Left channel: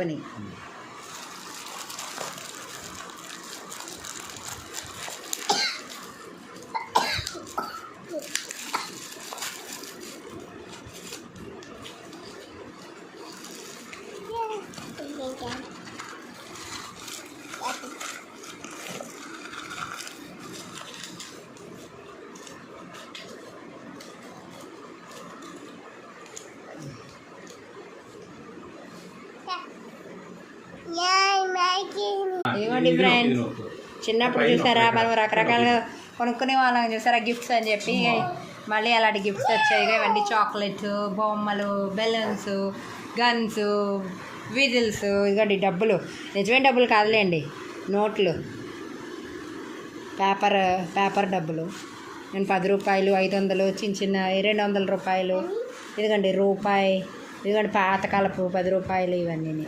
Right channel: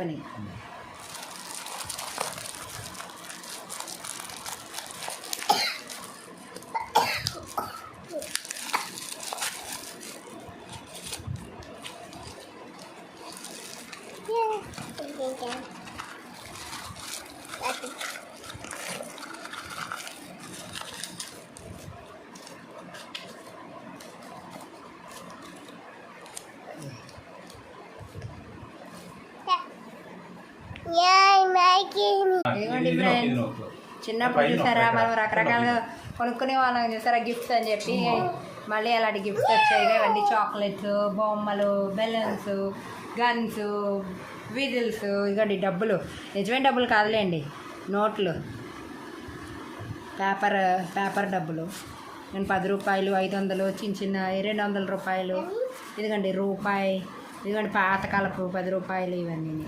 పని ఇదిగోండి ఫ్రెండ్స్, చిన్నప్పుడు చూసారా మనం రకరకాలుగా కొనుక్కునే వాళ్ళని చూసారా గిఫ్ట్స్ అని చెప్పి, మళ్ళీ అలాంటి గిఫ్ట్స్ వచ్చాయి. ఇవన్నీ చాక్లెట్స్, బొమ్మలు, బెలూన్స్, గన్స్, విజిల్స్. ఇదిగోండి డబ్బులు, నిజమైన డబ్బులు కాదులేండి, నోట్లు, పేపర్ డబ్బులు. నేను 10 రూపాయలు, 500, చిన్న 200 రూపాయలు. ఇదిగోండి రూపాయి, ఇదిగోండి పాతకాలపు 10 రూపాయలు. ఇవన్నీ